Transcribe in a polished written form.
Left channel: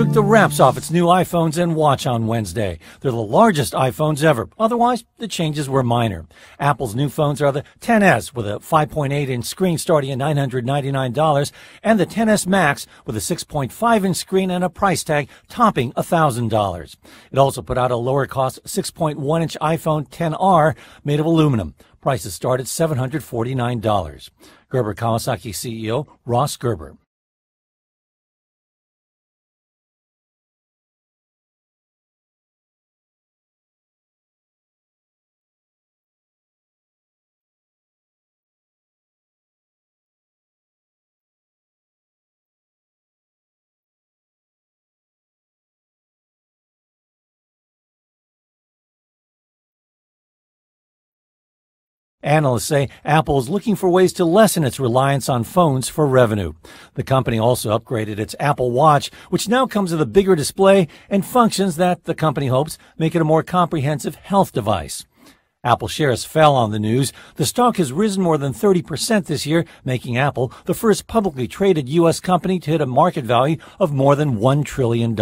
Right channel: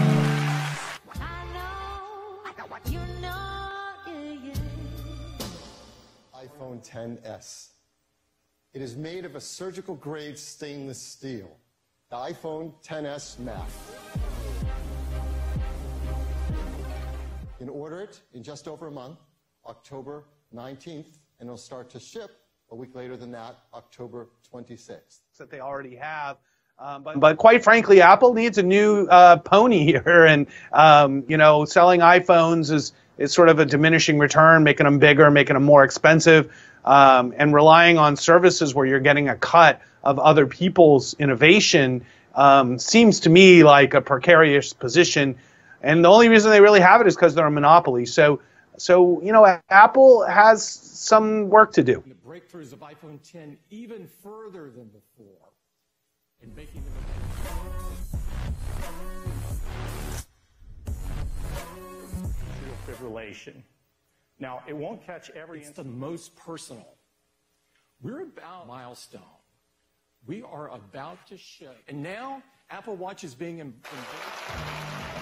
took the wraps off its new iPhones and Watch on Wednesday. They're the largest iPhones ever. Otherwise, the changes were minor. Apple's new phones are the XS with a 5.8-inch screen starting at $999 and the XS Max with a 6.5-inch screen and a price tag topping $1,000. It also put out a lower-cost 6.1-inch iPhone XR made of aluminum. Prices start at $749. Gerber Kawasaki CEO Ross Gerber. But quite frankly, Apple needs a new pony here, and selling iPhones is sort of a diminishing return, making them bigger, making them more expensive, and relying on services where you're getting a cut of other people's innovation seems to me like a precarious position. And the only reason they really have it is because they're a monopoly. So Apple has some work to do. Analysts say Apple is looking for ways to lessen its reliance on phones for revenue. The company also upgraded its Apple Watch, which now comes with a bigger display and functions that the company hopes make it a more comprehensive health device. Apple shares fell on the news. The stock has risen more than 30% this year, making Apple the first publicly traded U.S. company to hit a market value of more than $1 trillion.